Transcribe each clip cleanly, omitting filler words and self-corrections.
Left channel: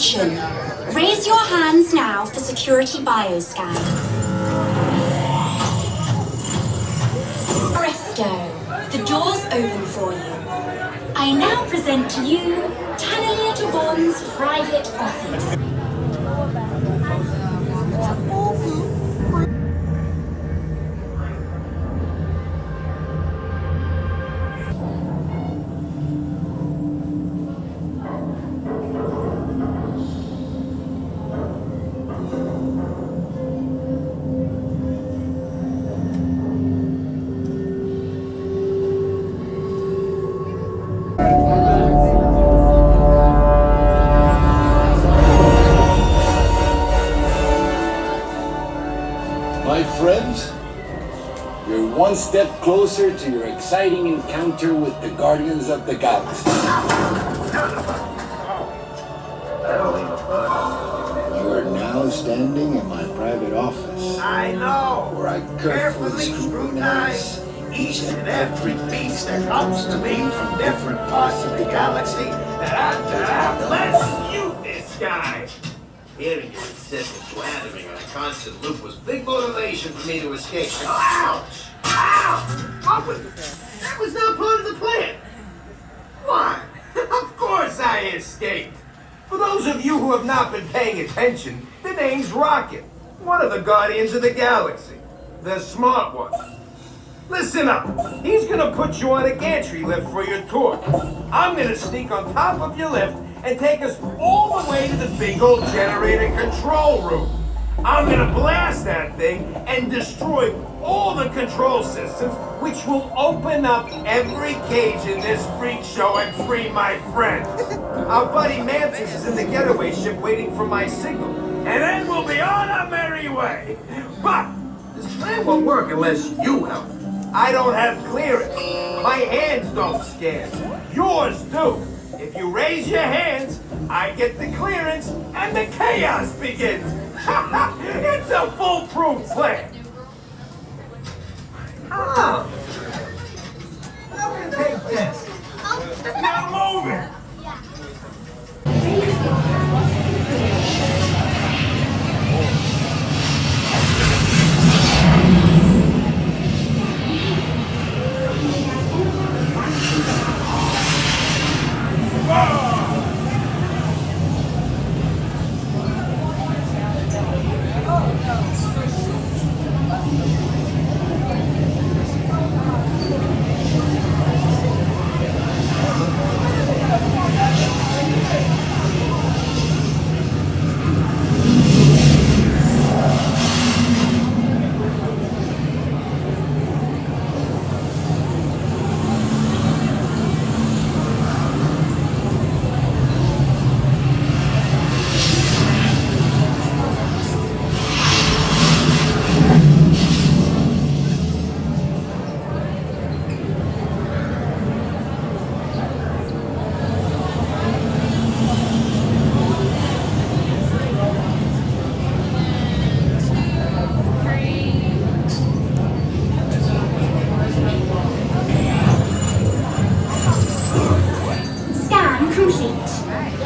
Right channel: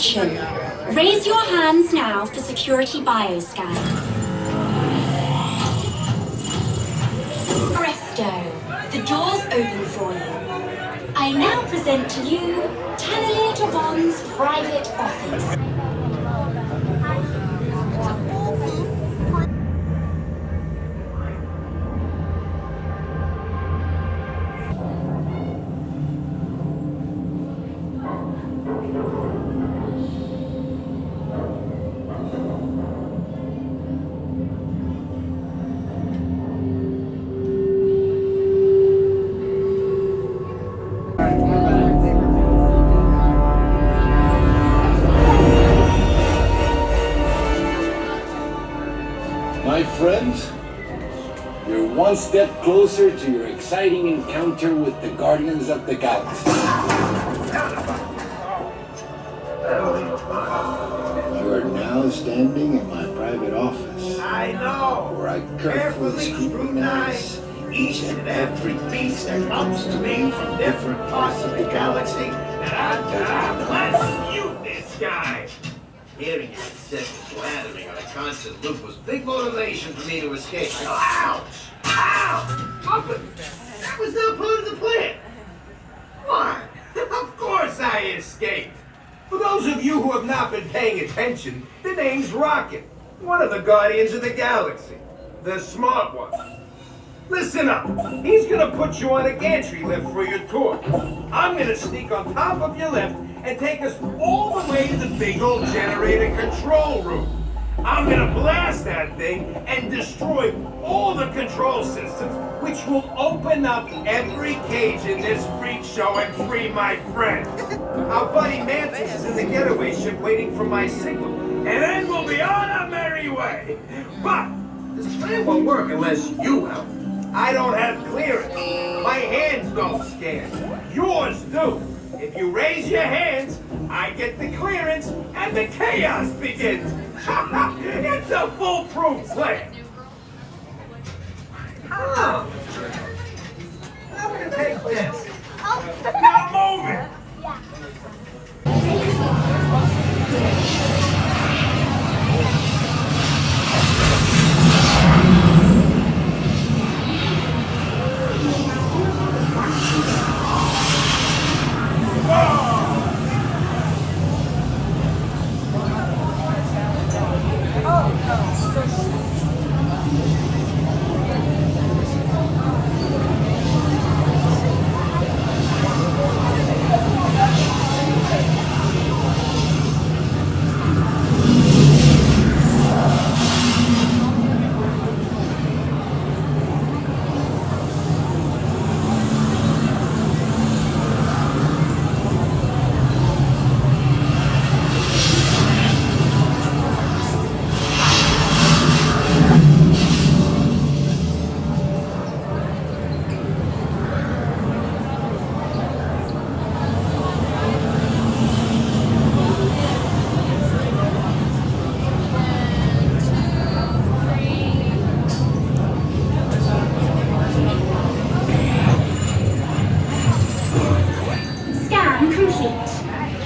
Attention! Raise your hands now for security bioscan. Presto! The door's open for you. I now present to you Taneleer Tivan's private office. My friends, you're one step closer to your exciting encounter with the Guardians of the Galaxy. You're now standing in my private office. I know! Where I carefully scrutinize each and every piece that comes to me from different parts of the galaxy. Let's mute this guy! Hearing your incessant blathering on a constant loop was big motivation for me to escape. I go, ouch! Ow! Oh, but that was not part of the plan! Why? Of course I escaped! For those of you who have not been paying attention, the name's Rocket, one of the Guardians of the Galaxy. The smart one. Listen up. He's gonna put you on a gantry lift for your tour. I'm gonna sneak on top of your lift and take us all the way to the big old generator control room. I'm gonna blast that thing and destroy all the control systems, which will open up every cage in this freak show and free my friend. Our buddy Mantis is in the getaway ship waiting for my signal, and then we'll be on our merry way. But this plan won't work unless you help. I don't have clearance. My hands don't scan. Yours do. If you raise your hands, I get the clearance and the chaos begins. It's a foolproof plan. Oh. I'm gonna take this. Now move it.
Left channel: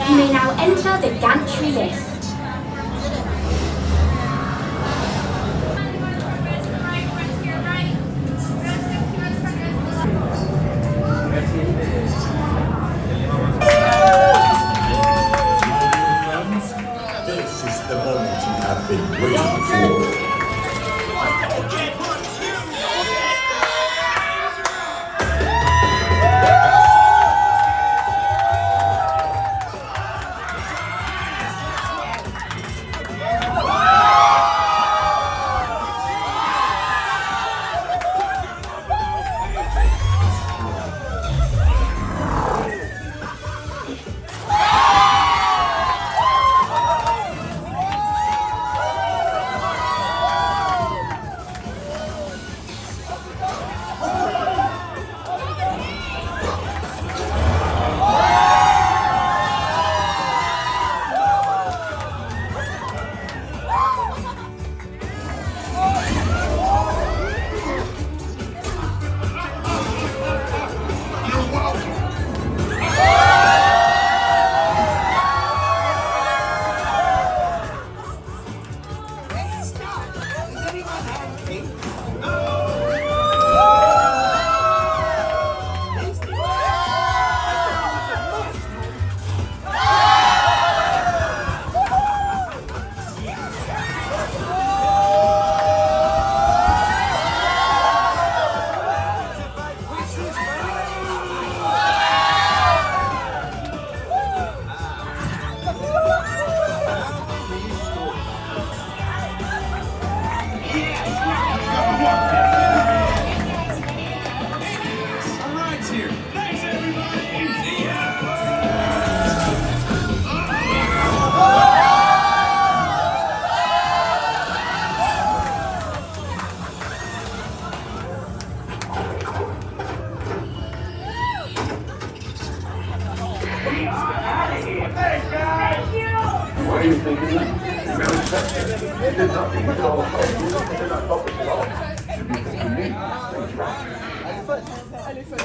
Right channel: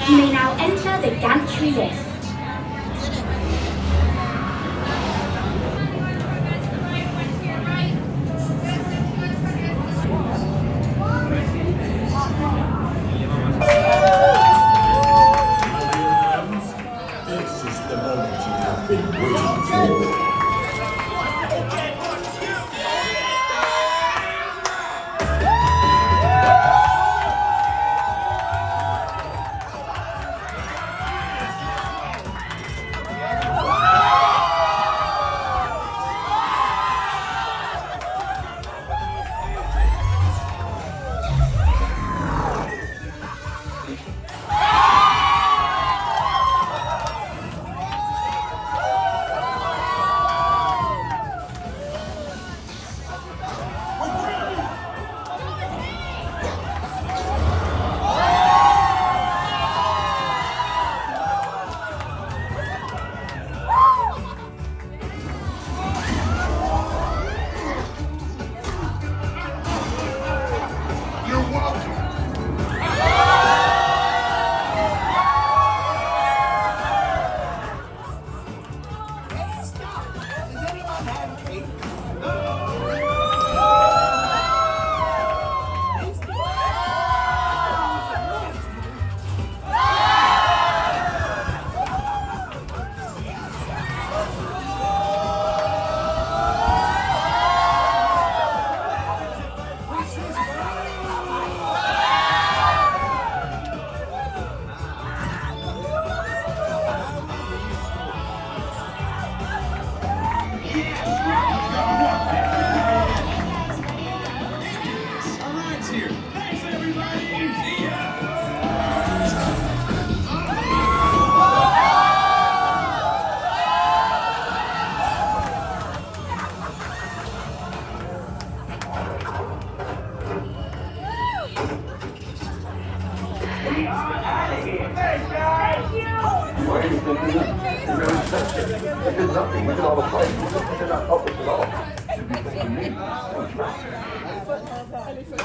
You may now enter the Gantry lift. This is the moment you have been waiting for. Why are you thinking you made an exception? You did nothing. We did all the fighting. You did not help us at all. You'd be thinking me. Thanks, Drax.